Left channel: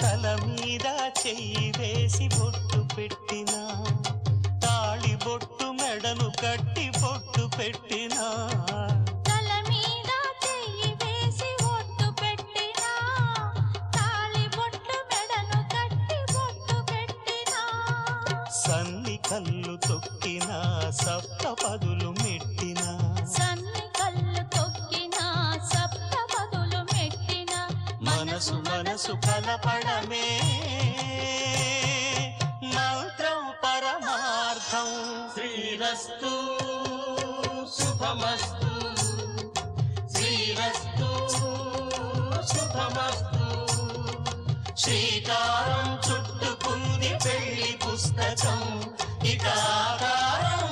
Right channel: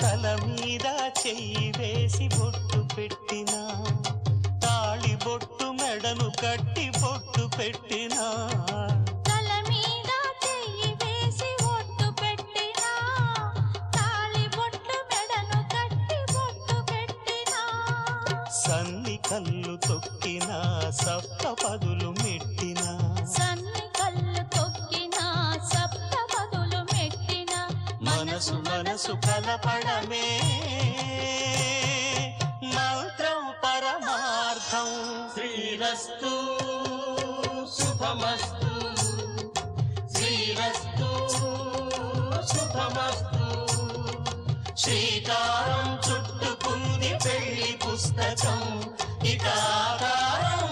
తల మీద చెయ్యి వేసి బొట్టు పెట్టినా, తాళి బొట్టు మెడను కట్టి బొట్టు పెట్టినా, తల మీద చెయ్యి వేసి బొట్టు పెట్టినా, తాళి బొట్టు మెడను కట్టి బొట్టు పెట్టినా, సన్ని కళ్ళు తొక్కినా సప్త పదులు మెట్టినా, సన్ని కళ్ళు తొక్కినా సప్త పదులు మెట్టినా, మనసు మనసు కలపడమే మంత్రం పరమార్థం. శ్రీరస్తు శుభమస్తు, శ్రీరస్తు శుభమస్తు. శ్రీకారం చుట్టుకుంది పెళ్లి పుస్తకం, ఇక ఆకారం